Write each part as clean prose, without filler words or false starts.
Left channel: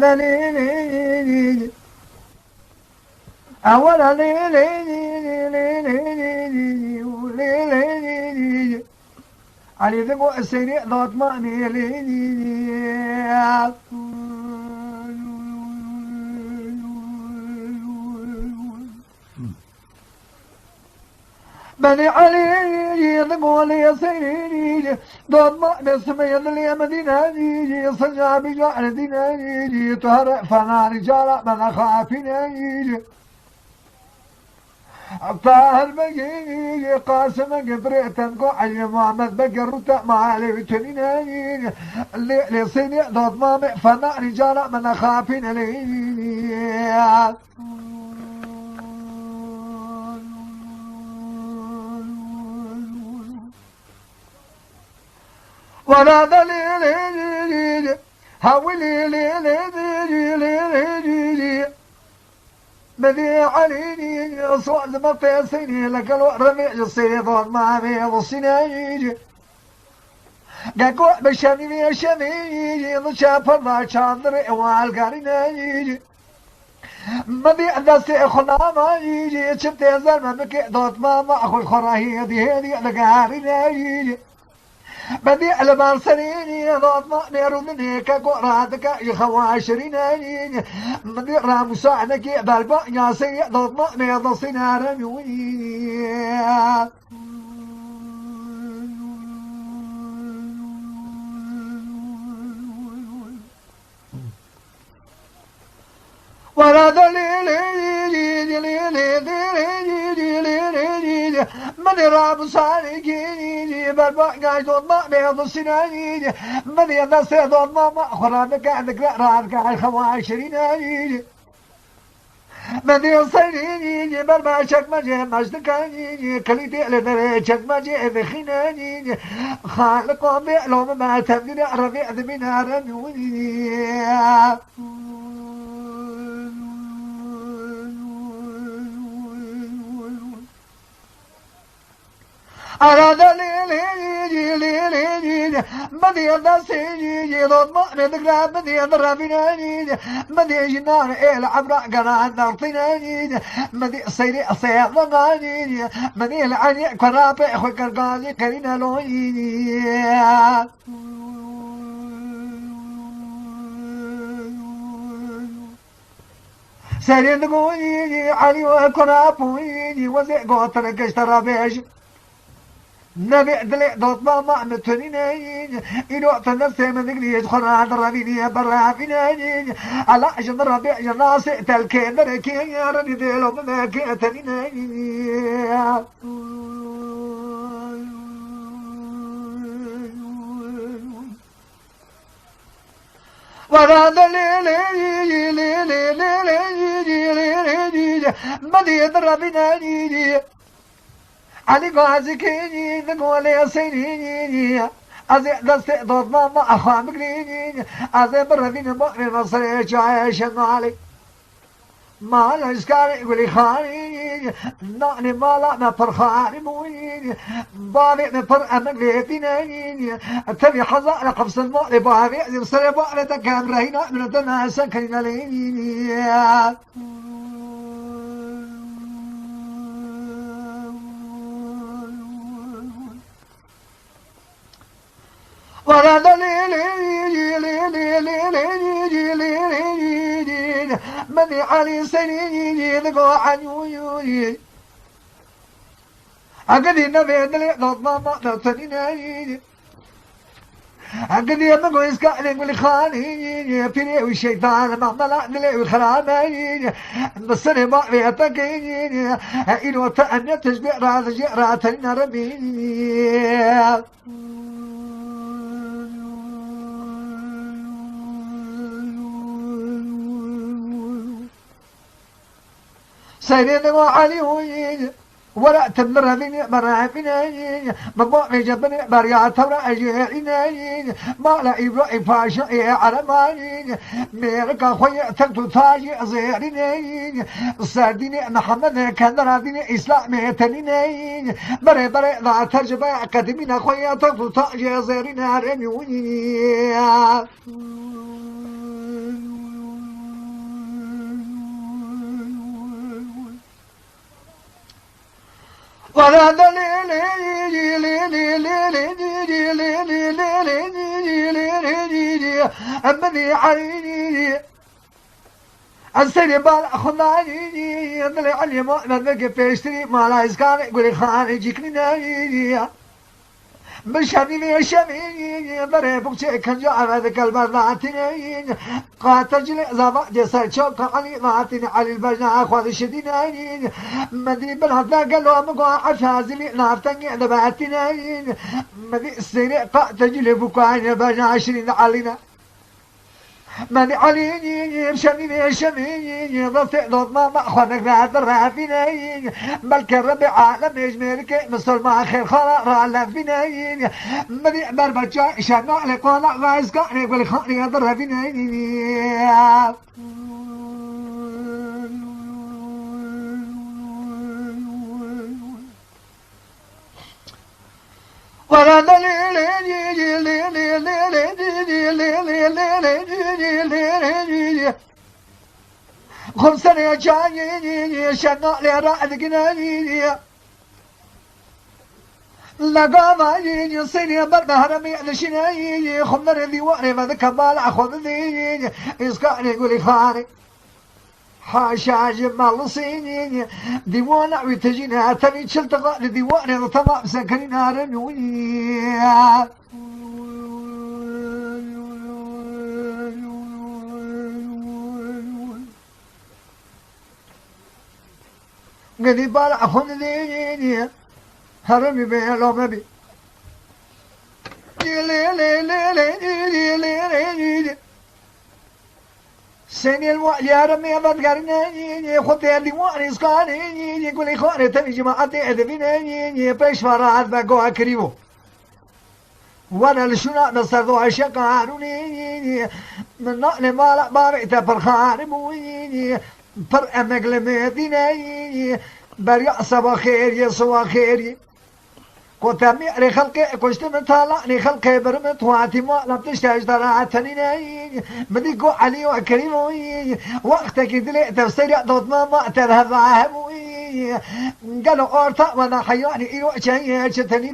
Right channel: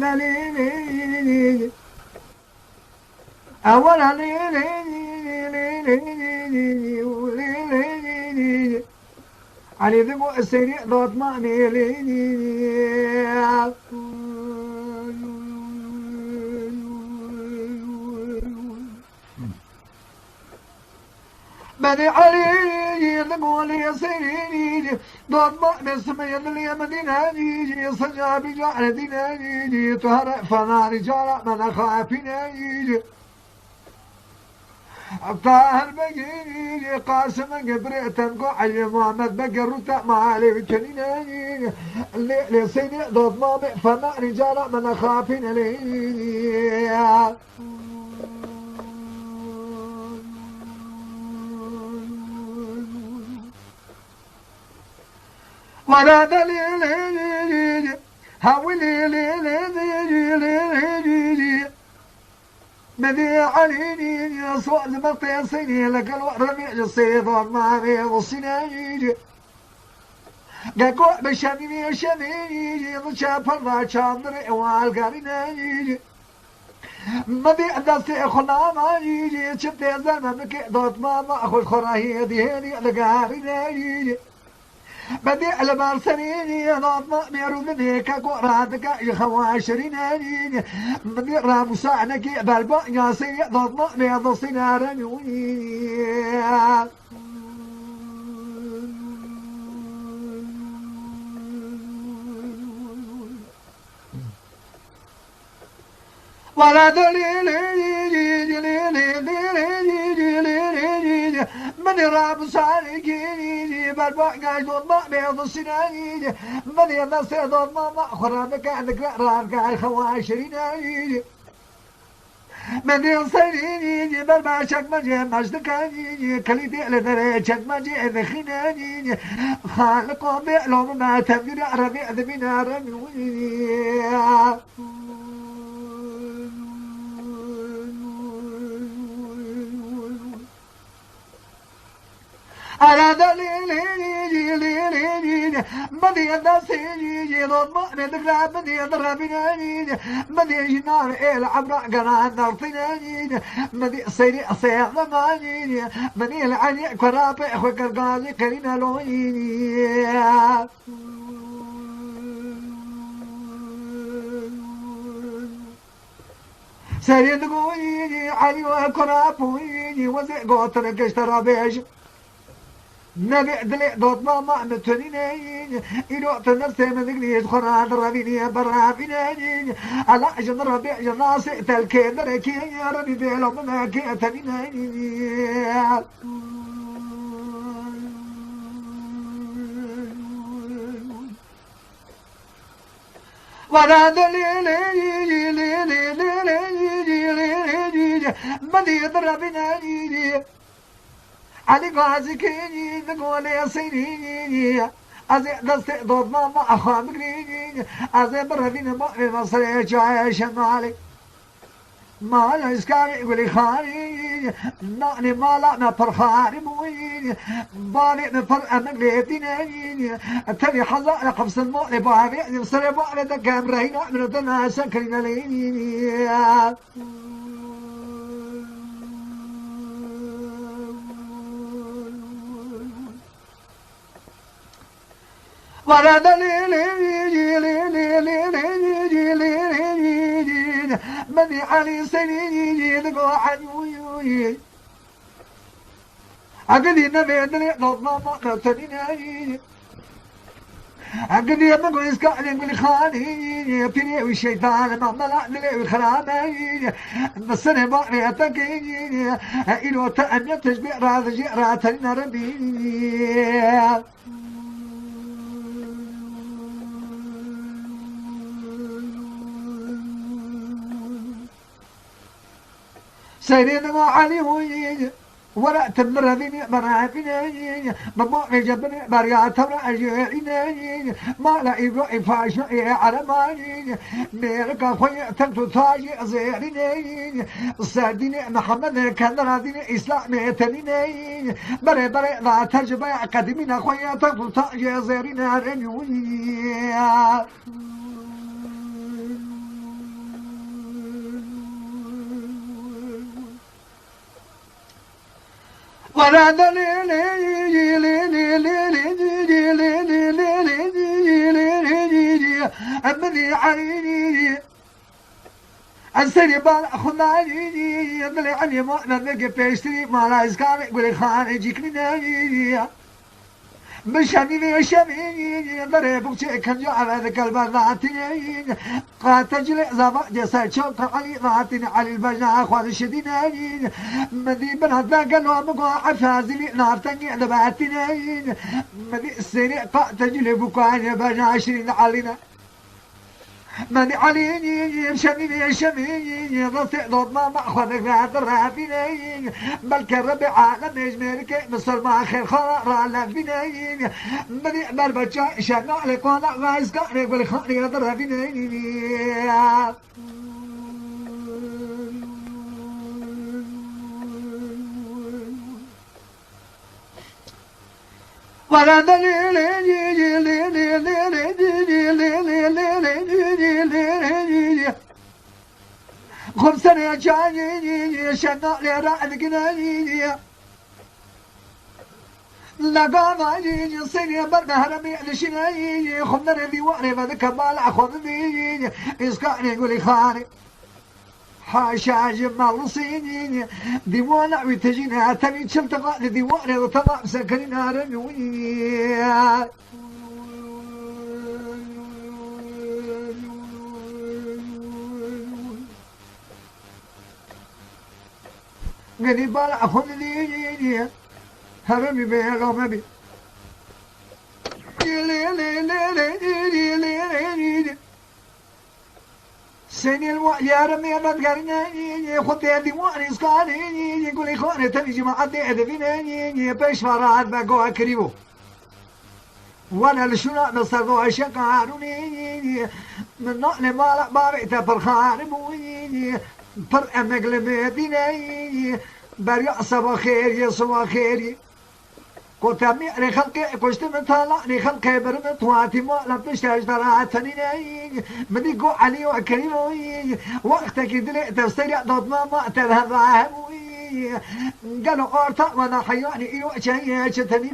ذليل أولا علي ذبو السريع ضوط ماني بني علي ذبو لي سريع ضوط ما باسم يدلي مدينة صجع بجعل دينة تهرق فنا رجال من خافين طاهر بقيني قاسم قبريتن قعي محمد بقرت ما علي وكنيني اللي صيني ضد مامي فنا رجال من خافين لي ولا دليل هاولي لي مدي عليني صوت مقيسيني لك الورمي الصيدون ما بيضصيني قاقو بشمي شمي ضشاف الله شاندري والقاريني مدي دستي خنا ما يجي شبتي زلمة مكي دوت ما اخو الخراهي دي هدي لقاريني بدي على سنيني ضاد ما ميرودني كقرادك يخواشريني بدي رامسانك بالبا ياسي ضاد ما ميضصينا رميوني ولا دليل من راب سالكيني بالبقى ضد ما بيض السناني من يدس ضد ما خرابك عندك رارك على الخواشريني من يصيريني بالما شك ما جي مجدكاني كليتي لدري شك ما جي ذخيناني خالق بيعلم ما تبدي ربيع ذبنا رميوني على دليل بدي النسيج ضد ما ندقى بدي ضربيني بدي جنان العبر قناة نرطيني بدي صيري صيد ضماني بدي العني كرابي اخوي كرقازي كرينا لويني سيرين قويني علي وكرابويني وزي قوتلك اشترى بيش نبي دلي دوت ما معنتنين إلو تنسي من ذكري يدخل عند ربيني برافينين على عشان ربيع جناسي تلكين دركي يا ربي ديلو مناكي أتنين ولا دليل بدي ضربني علي قازكيني ذقولي سينيني أزي دستي ضد ماما أخوان بقريني أزي برهدين بقري مصري جاي شمالي ما لا يسكاري يقولي خاني نعني ما لا نفر خاني مويني بالي نفر أمك ليتيني تبي حظا لقفص المؤلي بابي يبصري بقري تكام رهينا من الدناسا كرينا ليني ولا دليل مني علي سنيني لقوا عن ويوني عقدي نبي دلي ضد ماما نتنيني عقدي أمك ويسكع لي خاني فيني والشيطان ما ملأ دلي وخراني بس أنا ما بيتكيني إلو تأني تشبع راث جئراتنا ربيني سيدنا وعلي ويجي ولا تمر ذيني مرافيني مبوعي جبني بريات ولا أجيني ما لا يبقى فاشي على ماني ميرك خويا تنتو تاجي زيريني ساديني محمد كان راديني إسلامي تنيني بري بري لا ترجمة قدمين خويا تنتو تاجي زيريني ولا أمني عليني السري بال أخذاني يدلي علي ما نبقى بيشتري ما لا يسكان يقولي خان يجيكني ناني بشامي شامي بري بوكشي كان جاء هذاك البرناتين قاتل جل زما جسد شوك علي ماتين علي البجنا أخوان الشدينين مدي بالهذا قالوا مقع عفازلي نارتني دباتين مدي السنة قاتل جل بوكاين البجنا 20 علينا ماني عليني شميني شميني ضفت ضد ما أخوانك بعد الرافينين بل كرب عالم يجملك مثل ما خير خلا رعلا فينين ماني بربجا شنا عليك ولا غايز كاني يقول خاني هذا الرافينين ولا خمسة جاني شنا لرعد جناني لقاماني صيني برنا هرمي لشناني خمر ذي واني ما ذكبال أخذ ذي إسكاني يقولي خاني حاشا جمال صيني ديوانا ويتجينا تاني تشلتقى ديوانا وطبع سكنين هرمي قدي بالا أخذ لي هرمي بيه لو مبي سني الوالي هرمي بدقرني خد يدي واني سكاني يقول لي خواني تاني جماعتي ادفيني بيش فرات بقوها كريمو وانا لشنا نصردو عشق عاروني من نقل مالا بارئتا برخاني بويني پر امقل مديني بريع صبا خيري صبا خيري قوتامي علي خلقي كشتم طالعني خلقي برمت واتي ما لم تشتاج طلعتني مدي قو علي وكريموي وقتك دلي تفسير ضد ما تذهب عهبوي قالوا اورتا وانا حياني ايرو شيء شتني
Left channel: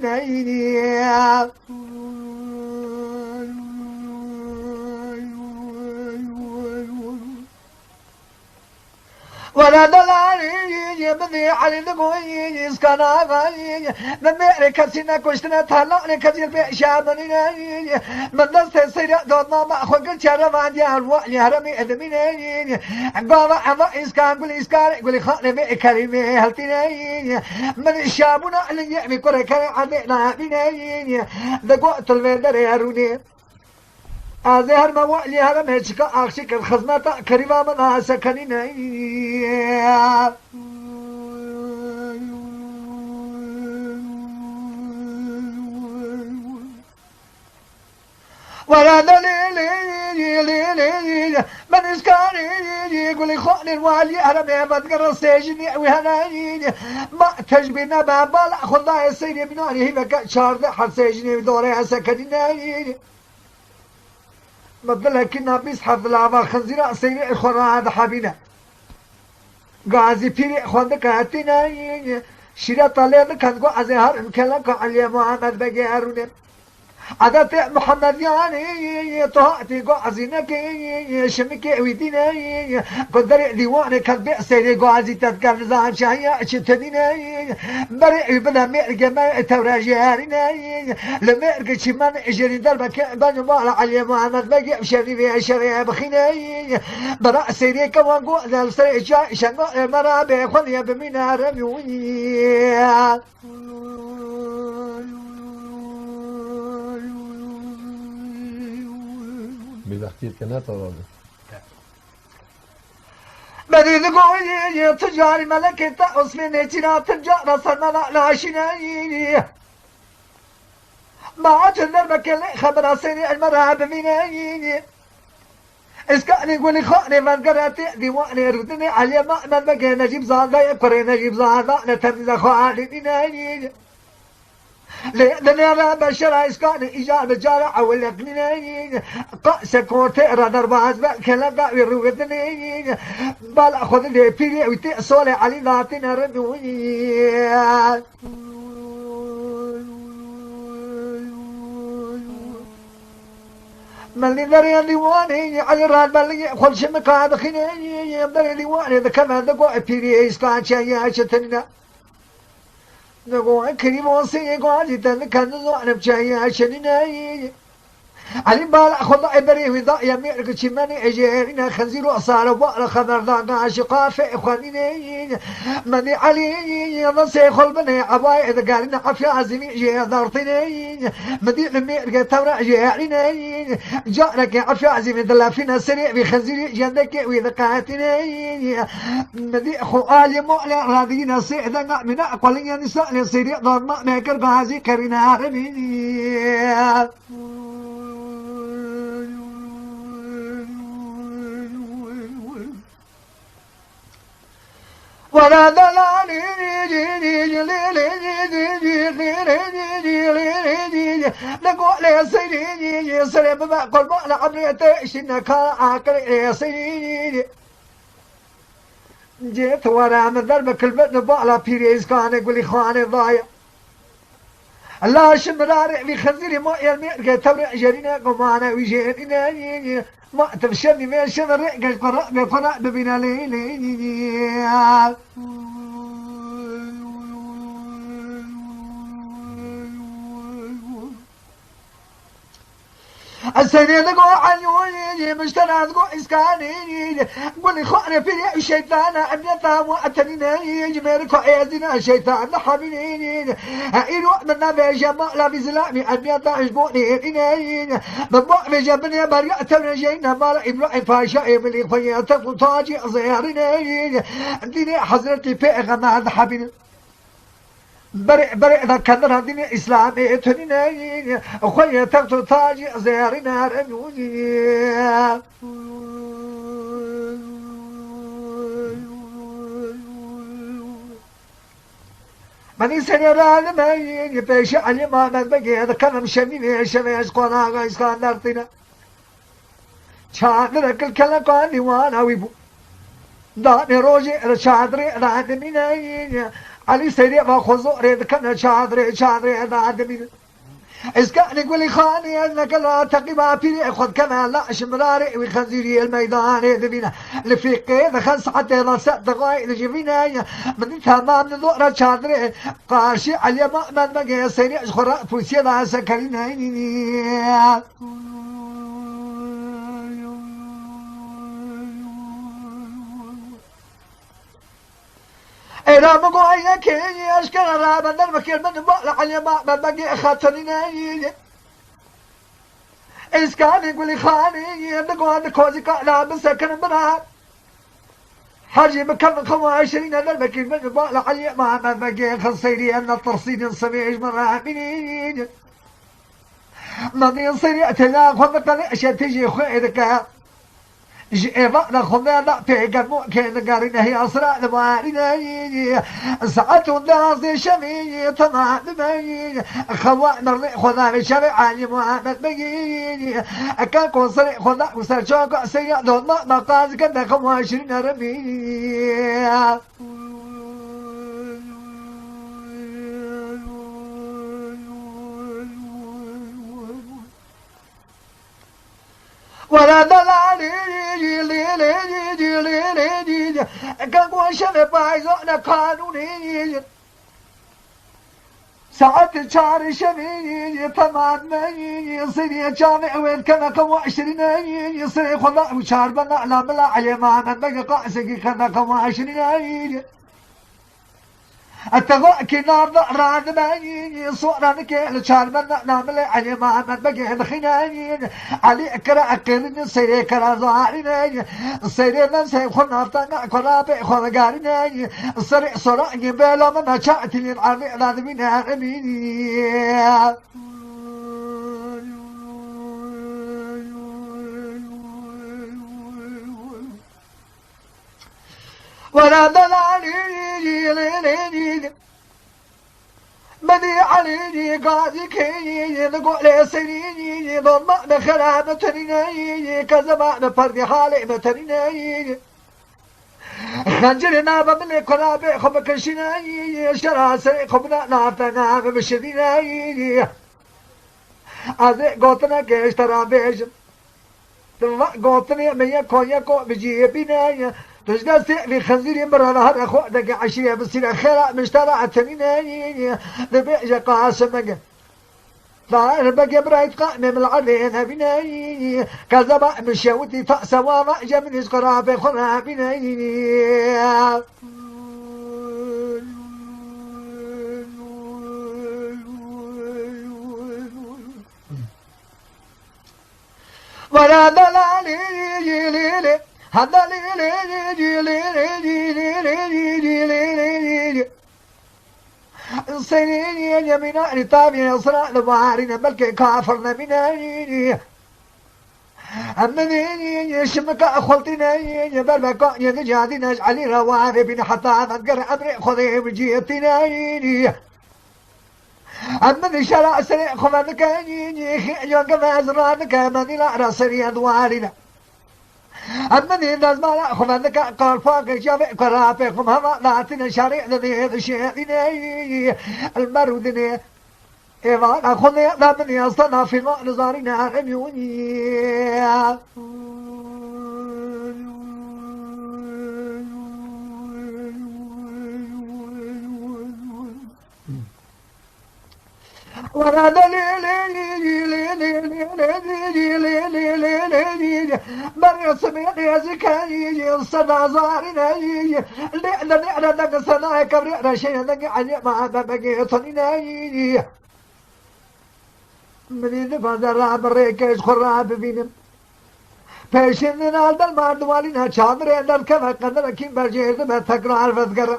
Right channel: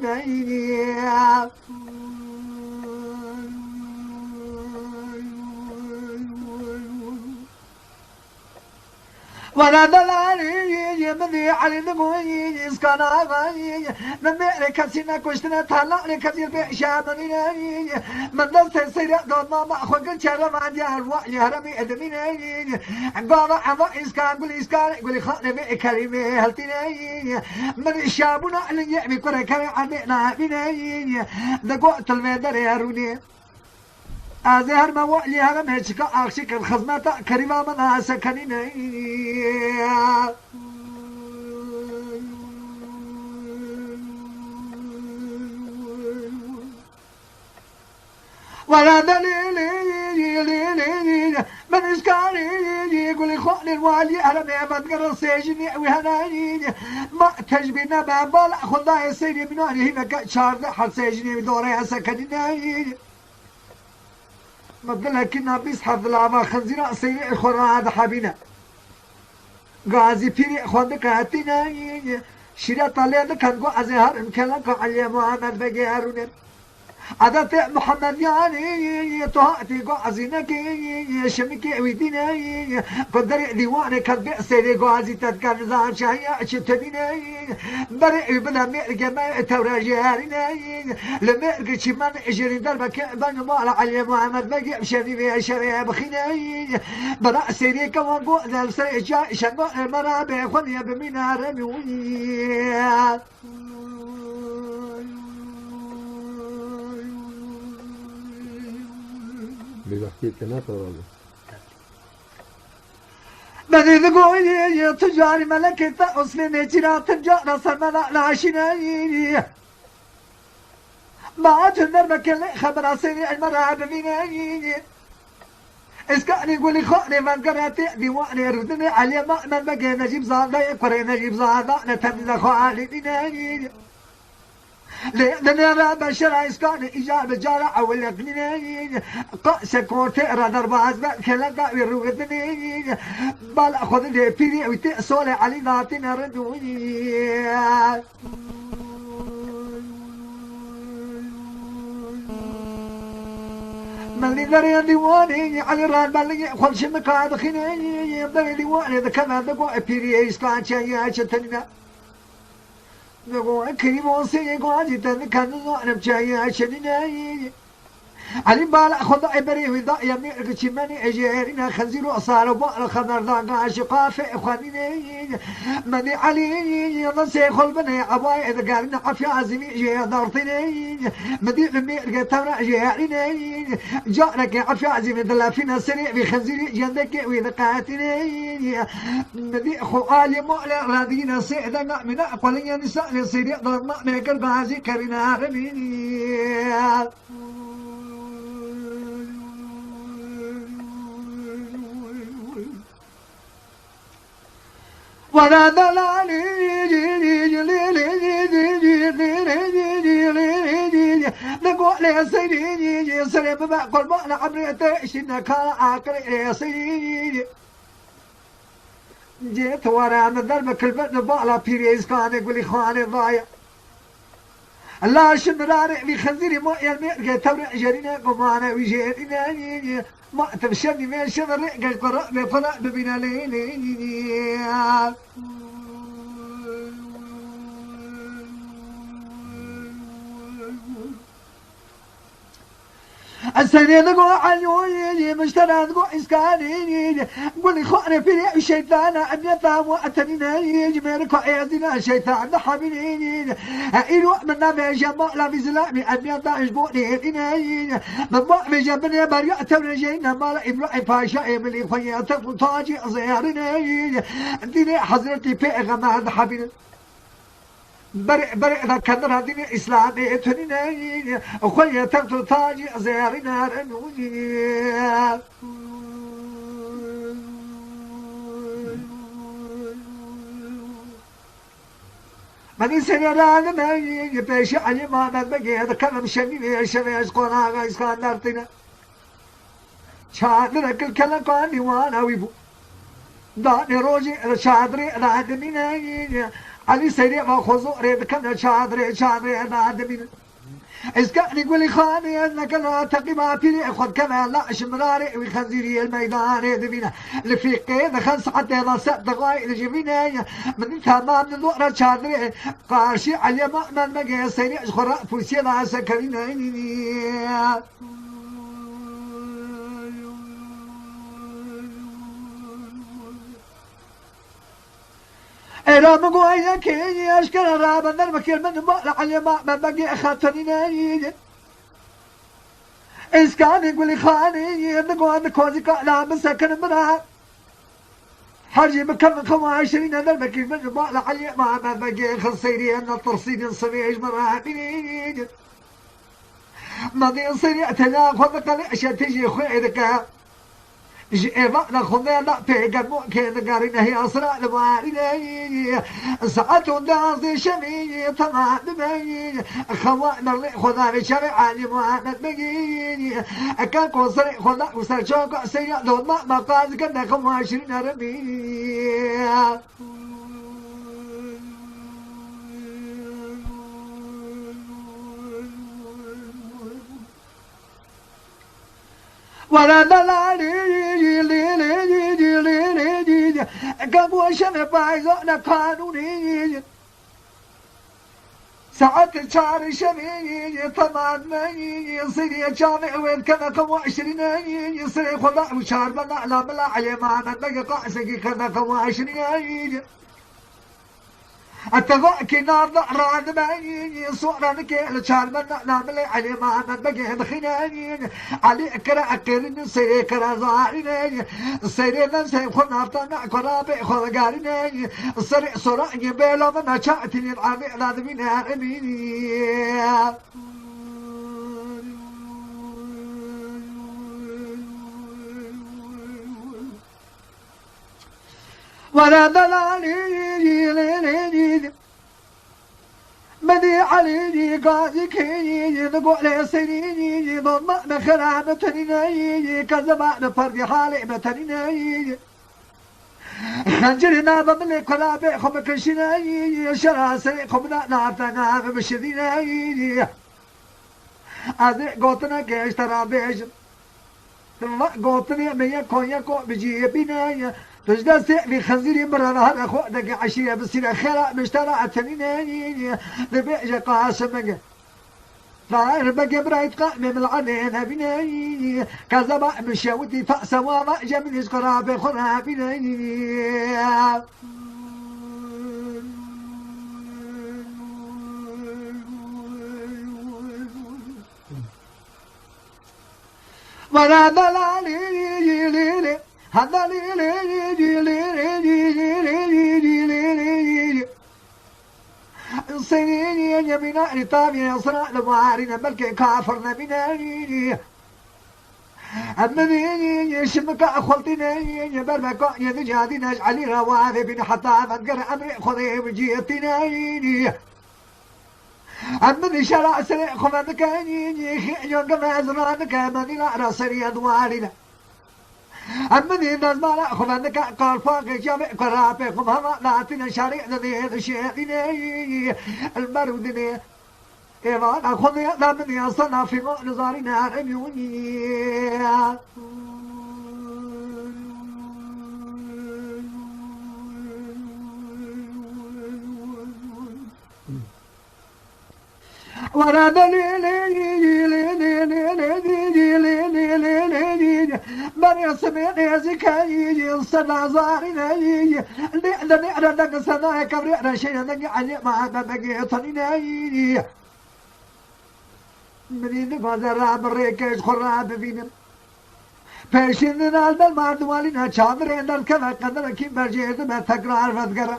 ولا دلالي بدي علي دقوي اسكان غاي نميري كسينا كشتنا طلعني كثير بشامني من دست سير دود ما اخوك شرم عندي الوعي هرمي ادميني قام عما اسكان قولي اسكان قولي خاني مي كريمي هلتيني من الشابونا اللي يعمي كره كره عدينا بيني دقوت الفندر ياروني أزهر ما وعلي هذا مهشك أخشك الخزمة كريمة من سكنين ولا دليل من إسكاني يقول لي خالي الوالي هرمي بدقر السجن وهناني ما تجبنا بابال خذها يصير بناني هي بك شارد حد سجني بدوري سكنين مدلها كنا بيسحب العما خنزيرة سيري إخوانا هذا حبينا غازي بيري إخوانا كاتينا شيرا طاليا كان قو عزيهار إمكالك علي محمد بقي هارون عدت محمد يعني طهاتي قو عزينك شمك ويدينا قدر ديواني كان بيأسيري قو عزي تذكر زان شهية شتدينا بريء بلا ميرقى ما توراجي هارينا لميرقى شمان اجرين دربك بانو مالا علي محمد بقي بشري بيه شري بخينا برا سيري كوان قو ذال سري جاء شنو المرابي خليا بمينا رميوني می‌وقتی که نتارده بدي تقولي تجاري ملكة أصمني تنا تجار سرمنا ناشناني ما تنربك اللي خبر سيري المرأة بميناني اسكاني يقولي خاني من قرأتي ديواني ردني علي ما من بقى نجيب زادا يكوري نجيب زادا نتنزا خوالي بناني لأننا بشر إسكان إجابة جارع والأقنين قاس كورتيرا نرباز بكلا ويروتنين بال أخذ لي بيري وتأصل علي ذاتنا ردوي ملي ذري ديواني على الراد ملي خل شمك هذا خنيني ذري ديواني ذا كذا ذا بيري إسكان شيء شتنا نقول كريم وصي قاعد كان زوجنا بجاي عشاني علي بال أخذ عبري وضع يمير كشماني أجينا خنزير وصار وبقى خبر ذا عاشقا في إخواني مني علي نصي خل بني عباي إذا قالنا عفيا عزمي جي دارتني مدي المير تورا جيعيني جارك عفيا عزمي دلا فينا سريع بخنزير جندك وإذا قاتني مدي أخو آلي مؤلع راضينا سيدا من أقل نساء لسريع ضرما ميكر غازي كرنا رميني ولا دلالي نقول يا سيدي يا سلام بقول بقى عبريت شنك عاقل يا سيدي جيت ورا من ذرب كلمة بقى بيريز كان يقول لي خواني ضايع الله شمراري بخنزيري ما يلمي تورع جرينا قمانا ويجينا ما تبشرني ما شمر قرأ بقرأ ببنا ليلي السنين نقول عنوني مشترى نقول إسكاني قولي خوانا في الشيطان أبيتا وأتنيني جميركو عيادنا الشيطان حميني إلو منا بجمال بزلامي أبيتا أجبوني إني ببقى بجبني بريئة رجينا مالا إبراهيم فاشا إبلي خياتا فتاجي زياريني ديني حضرتي بيغم حبيني برئ ذا كان هذين إسلامي تنين أخويا تغتو تاجي زيارنا رنوني من سنران مين بيش علي ما من بقي هذا كلام شميني شميش قناغا إسكان دارتنا شاد لك الكلام قاني وانا ويبو داني روجي رشادري رادميني علي سيدي ما خذوا ريد كنا شادري بعدمين إسكان يقول لي خاني أنك لا تقيم فيني خذ كما لا شمراري وخنزيري الميدان يدمينا لفيقي دخل حتى إذا سأت غاي لجبينا من تمام من ضوء شادري قاشي علي ما من مجي سيدي أشخر فوسي لا سكريني إذا مقوية كيني أشكر الرابع نرمكير من بقل علي ما من بقي خاطرين إسكان يقول لي خاني نقو عند كوزي قالا مسكن منها حرجي مكان 25 نرمكير من بقل علي ما من بقي خلصيري أن الترصيد الصبيعي مرامين ماضي صيري أتلا خذك لأشياء تجي خويدك جيبا نخذنا لا بيجن ممكن قارنا هي أسرع لوالدي ساعة الناس شمي تمام بمي خوانا اللي خذنا شرع علي محمد بيجي أكان كونسر خذنا وسر شوق سيا دون ما قاز كنا 25 رمي ولا دلالي كان وشنا بايزونا قانوني ساعات شهر شمي ثمانية سنة جامع وين كان 25 يصير خلا وشهر بنا لا بلا علي ما من بقى قاسي كان 25 التغاء كنار راد باين صورة نكيل شار من نعمل علي ما من بقي بخنانين علي كرا أكرين سيري كرا زارين سيري من سيخون هفتنا كرا بيخون قارين سري صورة يبيلو من أشاعتين العربي لازمين عربيني ولا دلالي بدي علي قاضي كي نقول سنيني ضم بخراب تنيني كذا بفرق حالي متنيني خنجرنا بملي قرابي خم كشناي شراسي خمنا نارتنا بشديناي أذي قوتنا كيش ترابيش قوتني مية كونيا كو بجي بناي تجد في خنزير مرة نهار أخو دقي عشية بصير خلا مشترى تنيناي ذبيج قاسمك لا بقى برايت قائم من العلين بناي كذا مشاوتي تأسوا ما جمني قرابي خنا بناي ولا دلالي ليلي هذا ليلي ليلي سنين يمينا لطابي يصرع لبارنا بلك كافرنا بناني أمنيني يشمك أخلطنا يبربك ينجادنا علي رواني بن حتى ذكر أمري خذي بجيتنا أمني شرع سريع خمانك يوم كما أزرانك مني لا رسري أدوارنا أمني الناس ما لا خمانك قال فاق جامع قرابكم هما ناتنا شريع ذي الشيء المرودني إيمان أخذني أمني أصنع في نظارنا رميوني وانا مريم سمعني زكاي صدى زارنا لأن نعرض سناي كبر شيء نجعل ما بقيتنا منين فازر بريكش خراب بينم فاشننا الدم دوالنا شامرين الكما قدر كيم بجيز بتكرار فذكر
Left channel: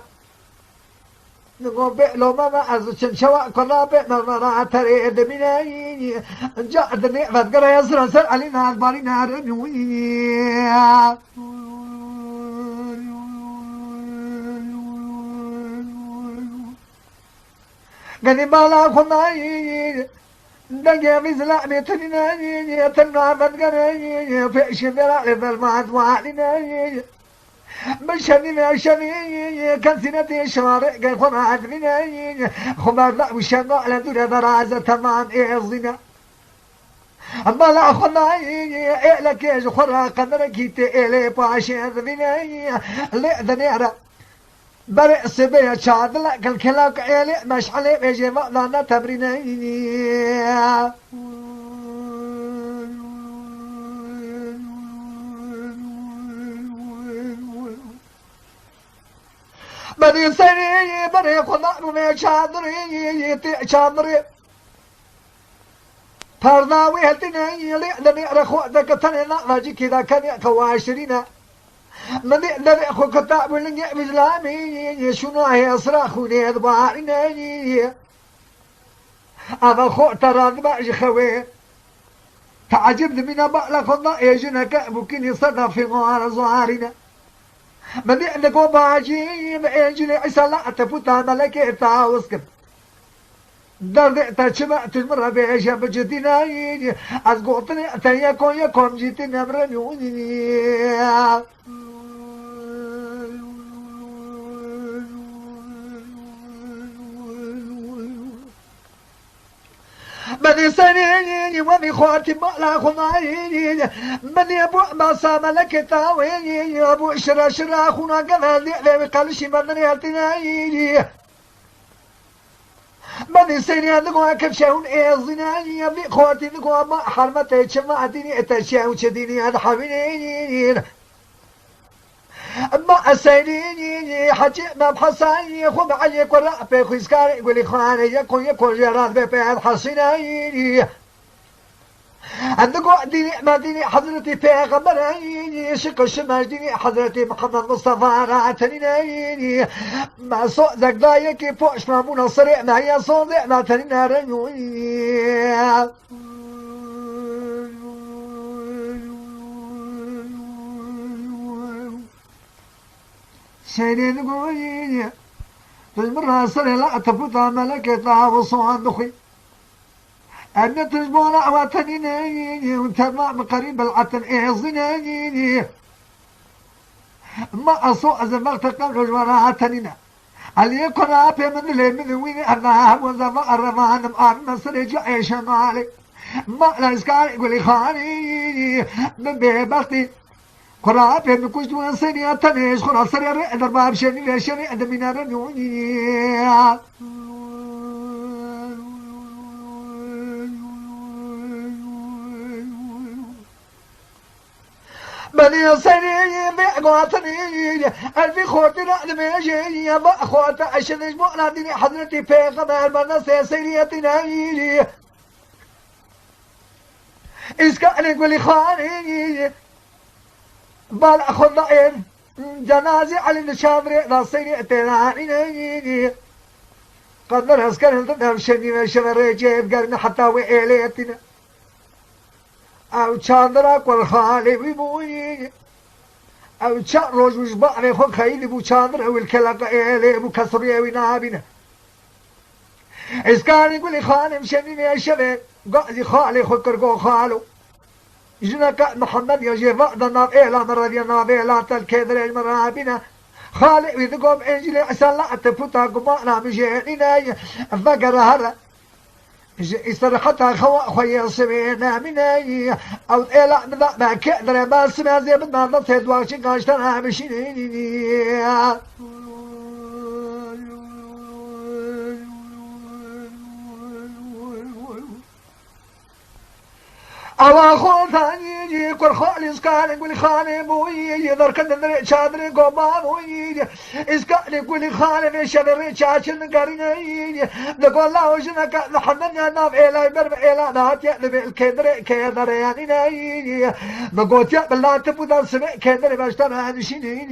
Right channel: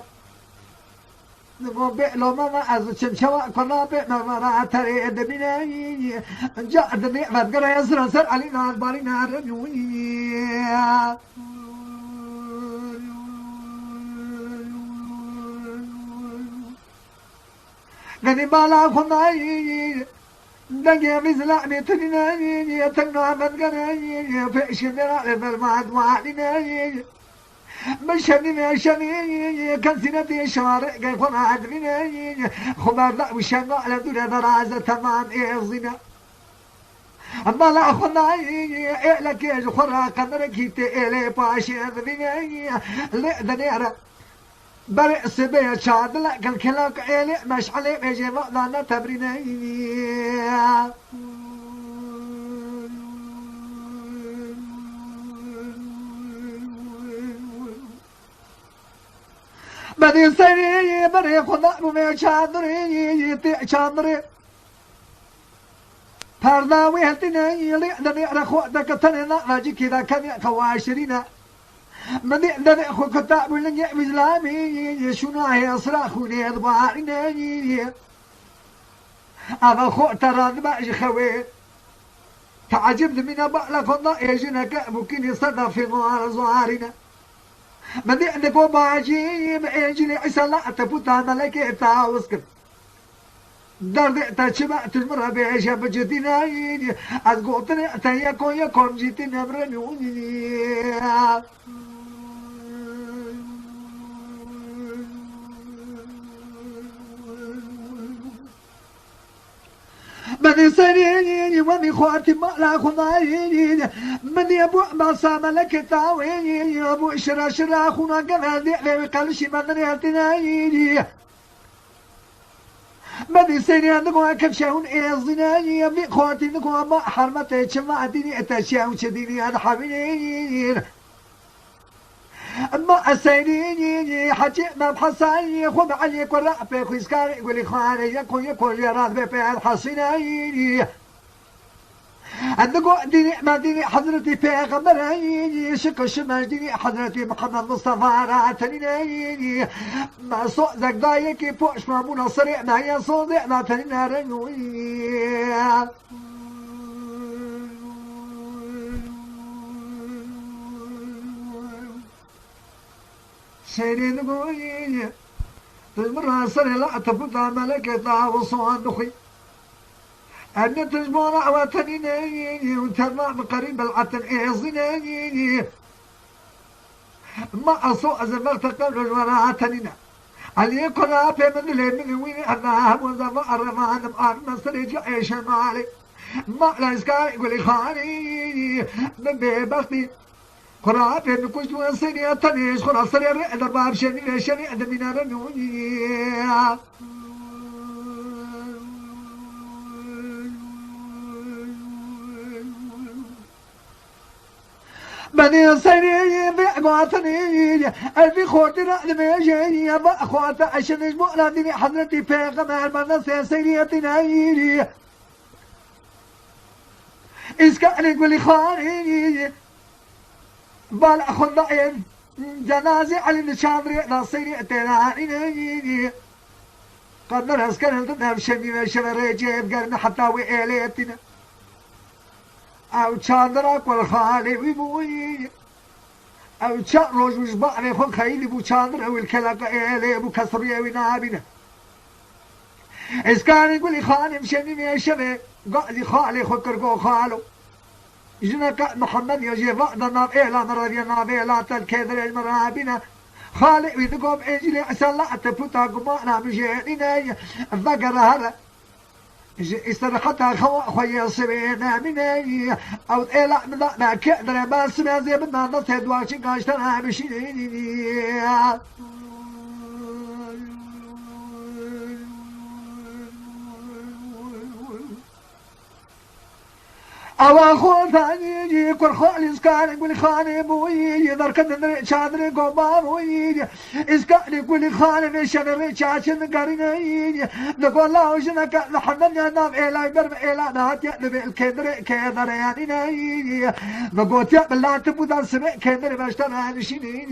نقول بئلو ما أزشن شواء قرابة ما تري دميني جاء دني فذكر يسر سر علينا البارينا رنوي غني بالا خناي دنيا بزلا متنيني تنا فذكر في شبرا للمعد وعلينا مشاني كنسنتي شارع كيف ما عدني خبر لا وشنو على دور درازة تمام إعزنا أما لا خناي لك يا خرا قدرك تيلي باشي ذني لا دنيرة برئ سبيا شاد لا كل كلاك إلي مش علي بيجي ما تمريني بدي سري بري خدا من شادري شادري پرداوی هتنی لدنی رخو دکتنی ناجی کدا کنی خواشرینا من دنی خو کتاب لنی بزلامی شنو هي اصراخوني ادبارني اما خو ترى ما خوي تعجبني من بقى كنا يجنك ممكن يصدى في غار زوارنا من عندك وباجي بأجل عسلا تفوتها ملكة تاوسكر درد تشمع تجمر بيشا بجدنا أزقوتنا تيكو يكون جيتنا برميوني من سنيني ومن خواتي ما لا خمايني من يبو ما صام لك تاويني ابو شرا شرا خونا قبل لي قالش من ياتنايني من سنيني نقوا كبشون ايزناني يبي خواتي نقوا ما حرمتي شما ديني اتشاو شديني هذا حبيني ما أسيني حجي ما بحساني خو علي قراء في خيسكاري يقول إخواني يكون جراد بين حسيني عندكو ديني ما ديني حضرتي في غمريني شق الشمال ديني حضرتي محمد مصطفى راتنيني ما صوت ذاك ضايقي فوش ما منصري ما هي صوت ما تنين رنوي شيرين قويني تجبرها سنة لا تفوتها ملكتها وصوان أن تجبر عواتني وتبع بقريب العتن إعزني ما أسوء زمغت قبل جواراتننا علي قرابي من اللي من وين أنا وزفا الرمان مقام مصر جاي شمالي ما لا إسكار يقول لي خاني من بيبختي قرابي من كوش دون سنة تنيش خلاص سريع أدر باب شني لشني أدر من رنوني بني سري بقواتني ألفي خوتي رأد ميجي بأخوات عشان يجمع لدني حضرتي بيغمار من سيريتنا إسكاني قولي خاني بال أخذ ضعين جنازي على الشامري نصيري تناني قدر أسكن الدنيا شني وشمري جيب قرن حتى وإليتنا او چاندرا والخالي ويبوي او چا روج وجبعني خو خيلي بو چاندرا والكلاقا إلي بو كسرية ونابنا اسكان يقول لي خانم شنيني شبه قاعد خالي خو كرقو خالو جنك محمد يجي فقد ناب إيلا مرادي ناب إيلا تالكيدر المرابنا خالي ويذقوم إنجلي عسان لا تفوتا قمانا مجيئنا فقر هذا استرحتها خويا سبينا مني او إلا ما كدر بس ما زي بدنا نصيد واش قاشتنا مشيني الله خوتاني يجي كل خالص كان يقول خاني بوي دركن دري شادري قبان ويجي اسكان يقول خاني شادري شاشن قرني نقول الله وجنك نحنن نام إلى برب إلى نهات يقلب الكدر كدر يعني نقول يا بالله تبدا سمع كدر باشتنا نشيني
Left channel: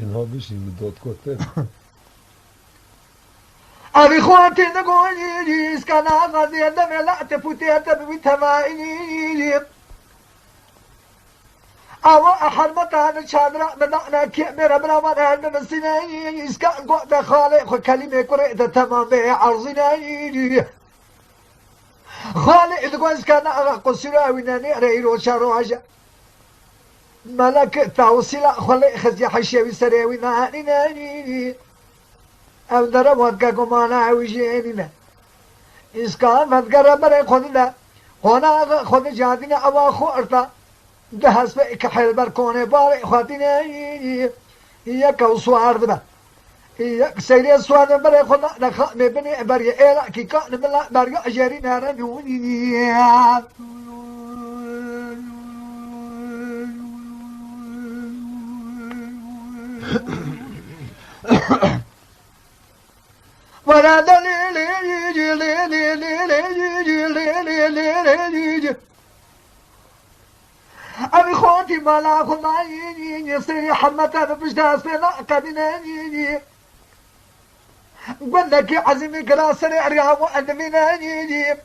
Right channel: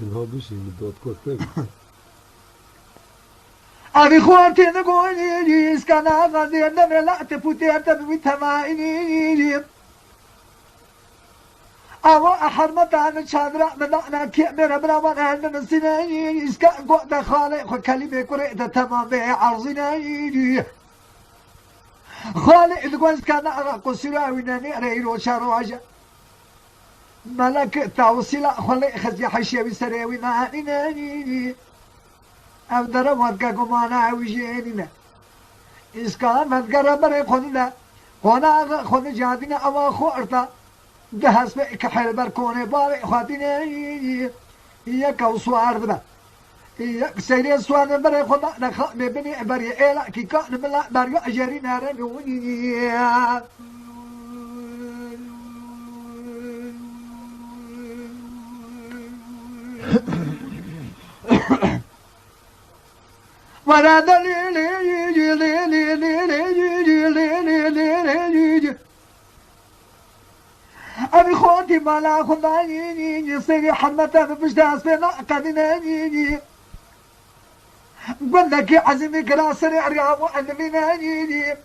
جنها بشي مدوت كتب أبي خواتي نقولي إسكان غازي النبي لا تفوتي بتمايني أو أحد متى نشادرا بدأنا كبير براوانا من سنين إسكان قوة خالق كلمة قرئة تمام عرضني خالق إذا إسكان قصيرا وناني ريرو شاروجا ملك توصيلا خالق خزي حشيوي سريوي ناني او در ودگا گمانا ویجینی نه اسکان مدگر برای خودنا خونه خود جادین اوا خورتا دهس به کحل بر کنه بار خاطینه یک وسوار دبا یک سری سوار برای خدا نخ مبنی برای الا کی کان بلا برای اجری نارنونی ولا دليل يجي أبي خوتي ملا خضايني سيري حمتا بجداس بنا قدناني قلنك يا عزمي كراسري عريام وأنميناني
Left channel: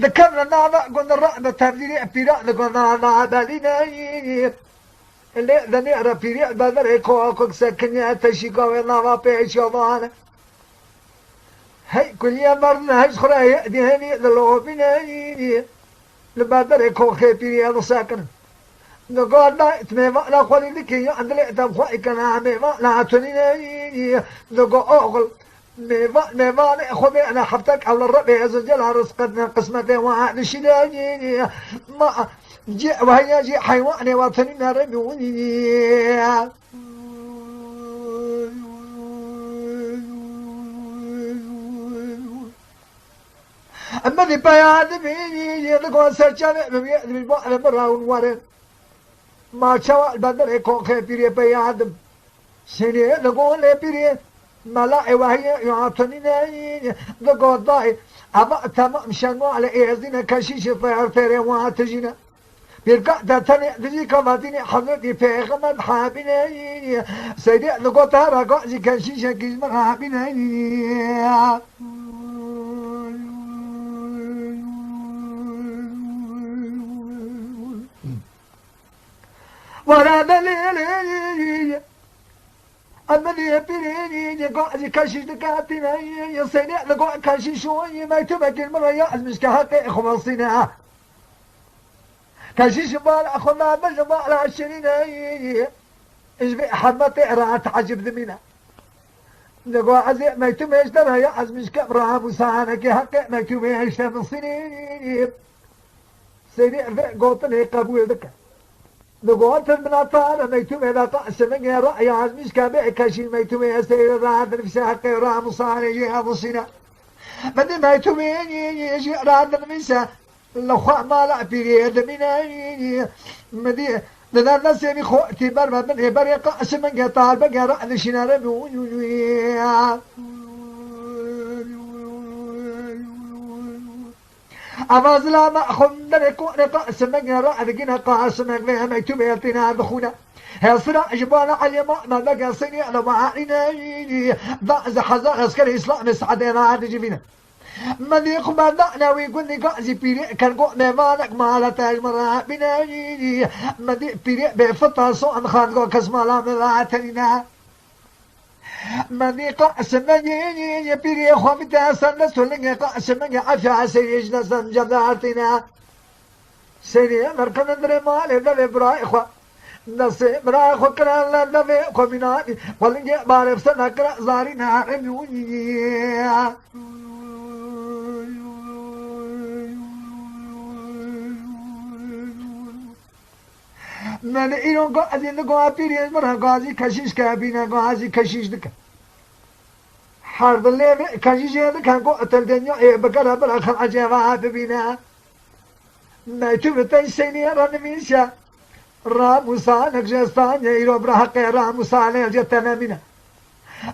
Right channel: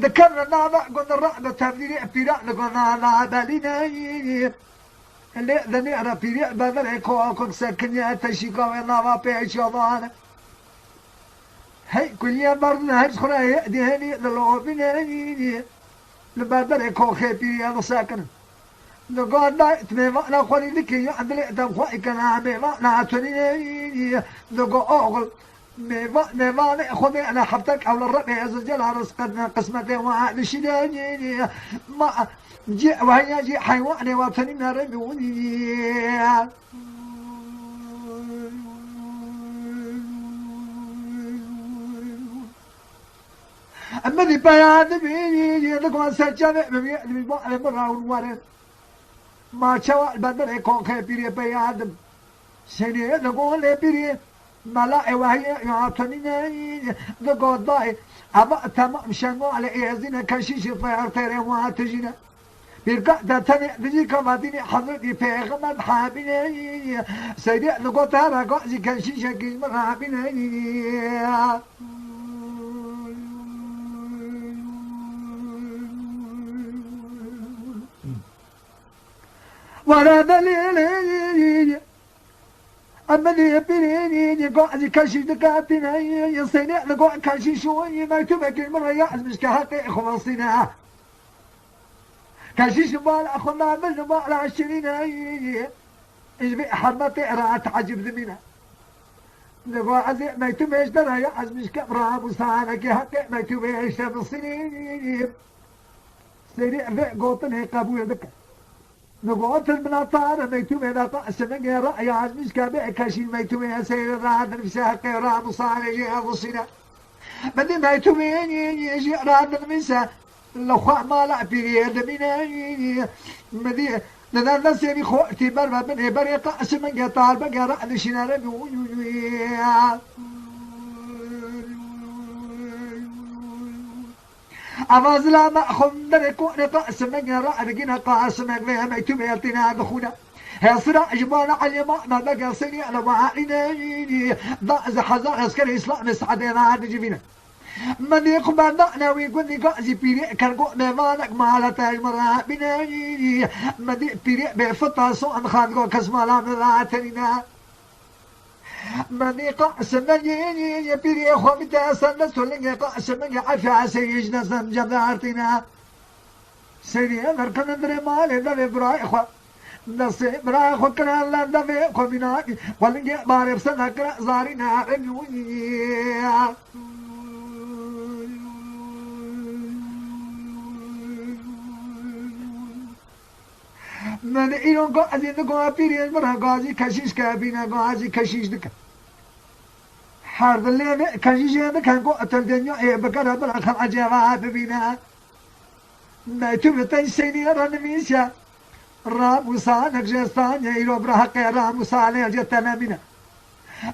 ذكرنا نانا قلنا الرعب تبديني أبيراء قلنا نانا ليناني اللي ذني أرى بيريء بدر كوكوك سكنيا تشيكا ونانا بيشوضانا هاي كل يوم مرنا هاي خرا يأدي هني للوبيني لبادر كوخي بيري هذا ساكن نقول لا تميما لا خوني ذكي عند الإعتاب خواهي كان ميما لا تنيني نقول أغل ميما خذي أنا حفتك على الربي عز وجل رزقنا قسمتي وعاد شداني ما جي وهي جي حيواني وطنين ربوني أما اللي بيان بيني يدقون سجامع بيان بيان براون وارن ما شاء البدر يكون خبير بيان سني يدقون لبيري ملا وهي يعطني دقون ضاي أما تمام شنو على إيزنا كشيش فير ترى واتجينا بيرجع تاني دي كماتيني حضرتي بيغمد حابيني سيدي دقون ترى قاعد كشيش كيزمر حابيني ولا دليل أمني بيني قاعد كشيش دكاتنا سنة قاعد كشيش شوي ما تبقى المرة يعز مش كهقي خمسنا كشيش بال أخونا بجمع على 20 إيش بحرمتي رات عجب ذمنا نقاعد ما تبقى ترى يعز مش كبرها مسانا كهقي ما تبقى من سنين سنة قوتني قبول ذكر نقول البناطار ميتوم إذا قاس من رأي عزمش كابع كشي ميتوم يا سيد راد نفسها قيرا مصاري هذا الصنا بدي ميتوم يجي راد نفسها لخوا ما لا بيريد من مدي لذا الناس يعني خوتي برا من بري قاس من قطار بقى رأي شنار أفاز لا مأخذ دركون قاسم رأينا قاسم ما يتبعتنا بخونا هالصراع جبانا على ما بقى صني على معانينا ضعز حزار عسكري إسلام مسعدنا عاد جبينا من يقبل ضعنا ويقول لي قاسي بيري كان قونا مالك ما تاج مرة بنا من بيري بفطا صوان خان قو كسما لا مراتنا من قاسم يا بيري خمتا سنة سلنج قاسم عفا سيجنا سنجدارتنا سيري مركن دري مال دبي برايخوا نسي برايخوا كران لا دبي خمينا ولنج بارف سنة كرا زارينا رنيوي من إيران قاعدين نقول بيري مرة قاضي كشيش كابينا قاضي كشيش دك حرب الليل كشيش هذا كان قوة الدنيا إيه بقرا بالأخر عجبها بينا ما تبتي سيني رنميشا راموسانك جستان يرو برحق راموسان جتنا منا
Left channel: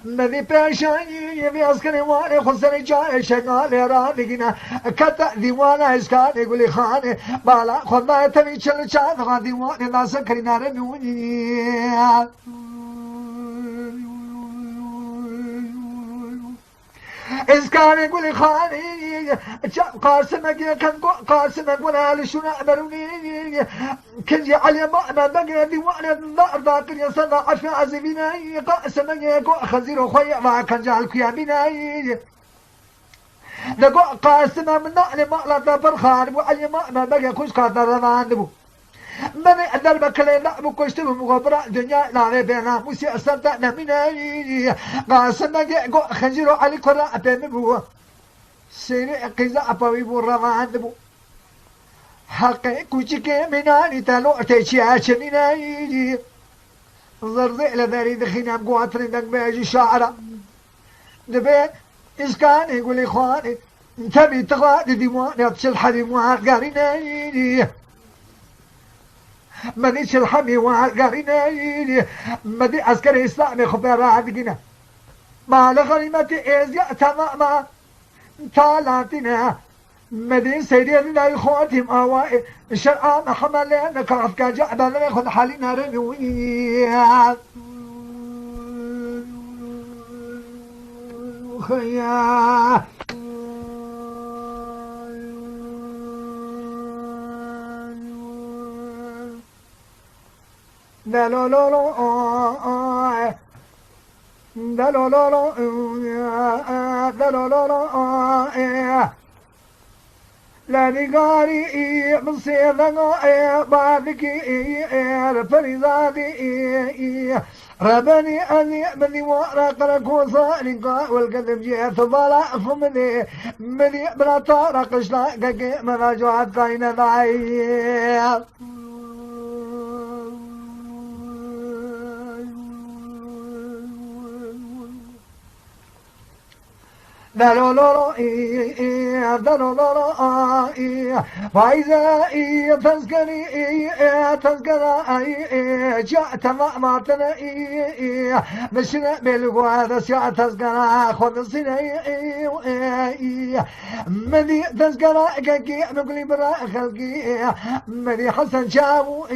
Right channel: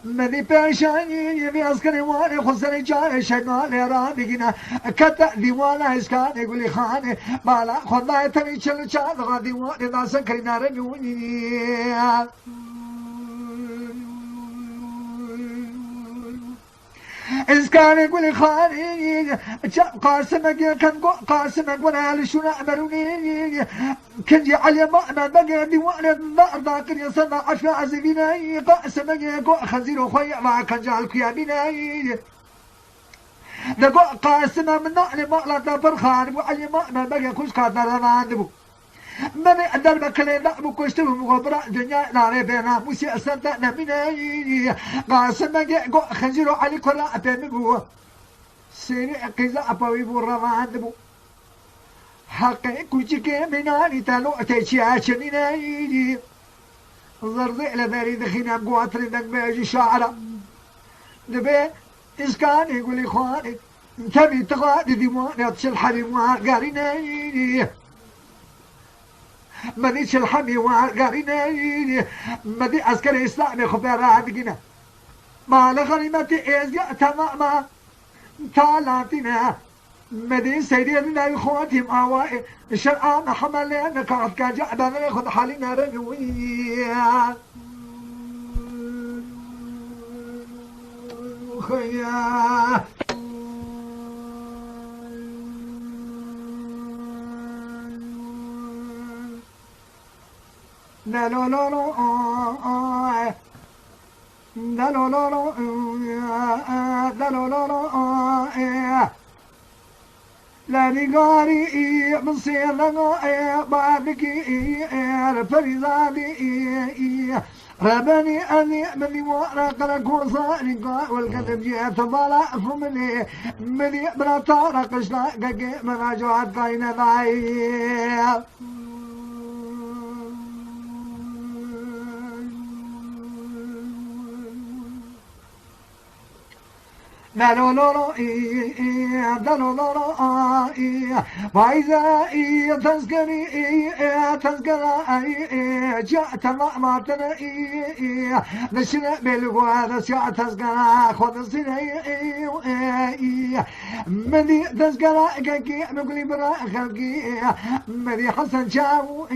مدي باشاني يبي عسكري وانا خسري جاي شغال رانينا كتا ديوانا اسكان يقول خانه بالا خدنا تني چل چا ديوان ناس كرينا رنوني اسكان يقول خاني قاسمك كان قاسمك وانا لشنا امروني كنجي علي ما بقى ديوان النار باقر يصنع عفا عزبينا قاسمك يقو خزير خويا ما كان جعل كيامينا نقو قاسم من نعلم ما لا برخان وعلي ما بقى كوش قادر رمان نبو من أدر بكلي لا بكشتو مغبرة دنيا لا بينا موسى أصدقنا من قاسم يقو خزير علي كرا بنبو سيري قزا أبوي برمان نبو حقي كوشك مناني تلو تشياشنينا زرزي لذاري دخينا بقواترين دنك بيجي شعرا نبي إسكان يقول إخواني انتبه تغادي ديواني أتشل حريم وعقارينا مانيش الحمي وعقارينا مدي عسكري إسلامي خبير عدقنا ما لغريمتي إزياء تماما تالاتنا مدين سيدين لا يخواتهم آوائي شرعان حملين كعف كجعبا ناخذ حالنا رنوي خيا لا لا لا لا لا لا لا لا لا لا لا نقاري من سيرنا باركي فرزادي ربني أني مني ورق ركوصاني والقلب جيت ضلع فمني مني بلا طارق شلاقك من رجعت قاينة ضعيف دلولو دلولو وإذا تذكري تذكري جاء تمام تني نشنا بالغوار جاء تذكري خذ سني مدي تذكري كي نقولي برا خلقي مدي حسن شاو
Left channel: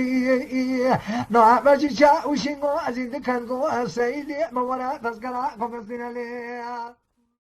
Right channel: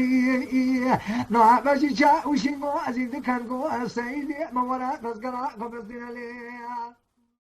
نعم ماشي شاو شنو أزيد كان سيدي ما ورا تذكري خذ سني